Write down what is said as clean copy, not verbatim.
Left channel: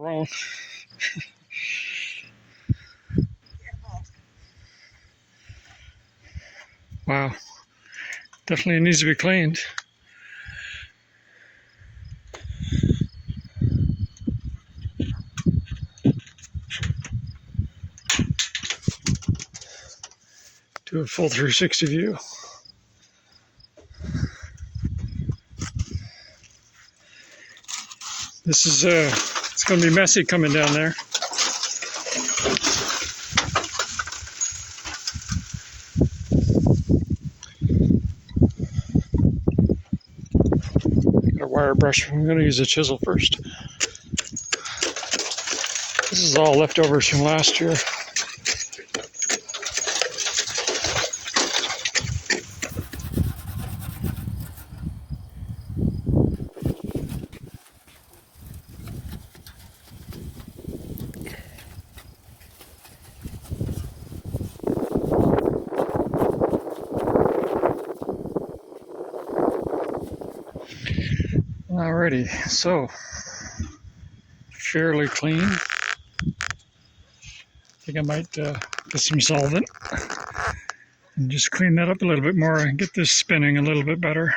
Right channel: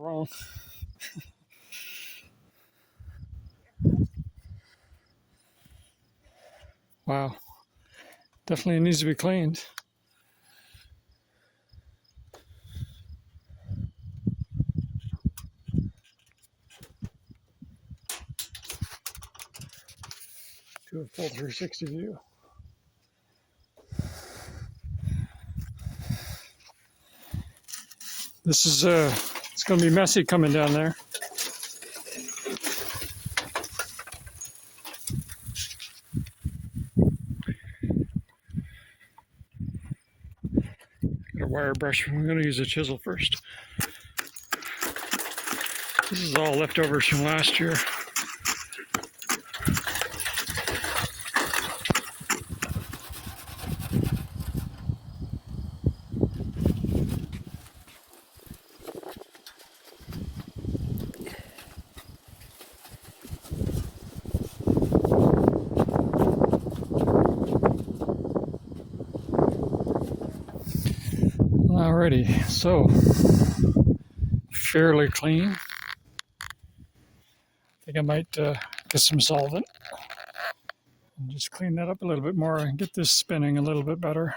wrong. Wow, definitely needs to be cleaned. Do a full 360 view. This is it's going to be messy coming down there. Got a wire brush. I'm going to use a chisel first. This is all leftovers from last year. Alrighty, so fairly clean. I think I might put some solvent and just clean that up a little bit more and get this spinning a little bit better.